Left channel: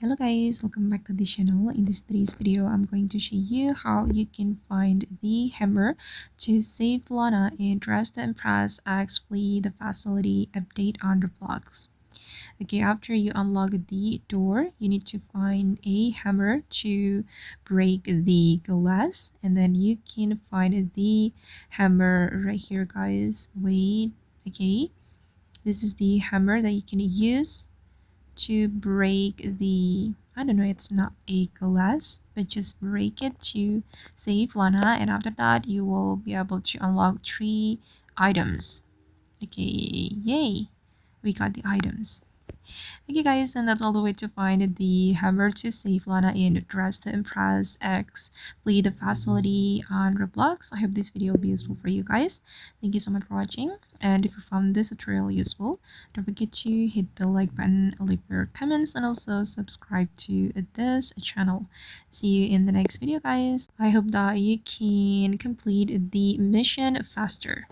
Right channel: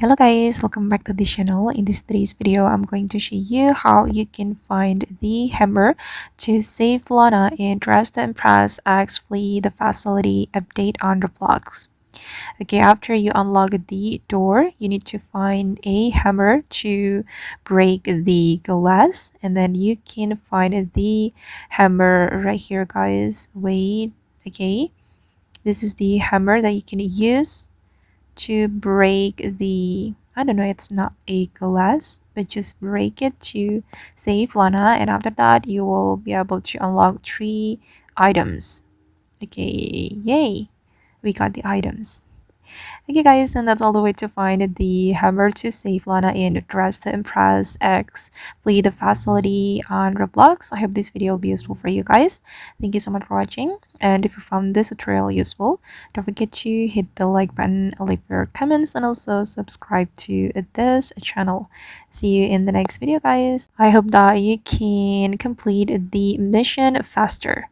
Hello guys, welcome back to the channel. In this today's video, I'm going to show you how you can find the hammer to save Lana in Dress to Impress X Flee the Facility update on Roblox. Okay, after you unlock the door, you need to find a hammer to break the glass, and then you can find the hammer right here, guys. Wait, okay, this is the hammer that you can use to break the, I don't know, it's not a glass, but just break it to save Lana, and after that you will be able to unlock 3 items. Okay, yay, we got the items. Okay guys, and that's all the way to find the hammer to save Lana in Dress to Impress X Play the Facility on Roblox. I hope this video will be useful for you guys. Thank you so much for watching, and if you found this tutorial useful, don't forget to hit the like button, leave your comments, and also subscribe to this channel. See you in the next video guys. I hope that you can complete the mission faster.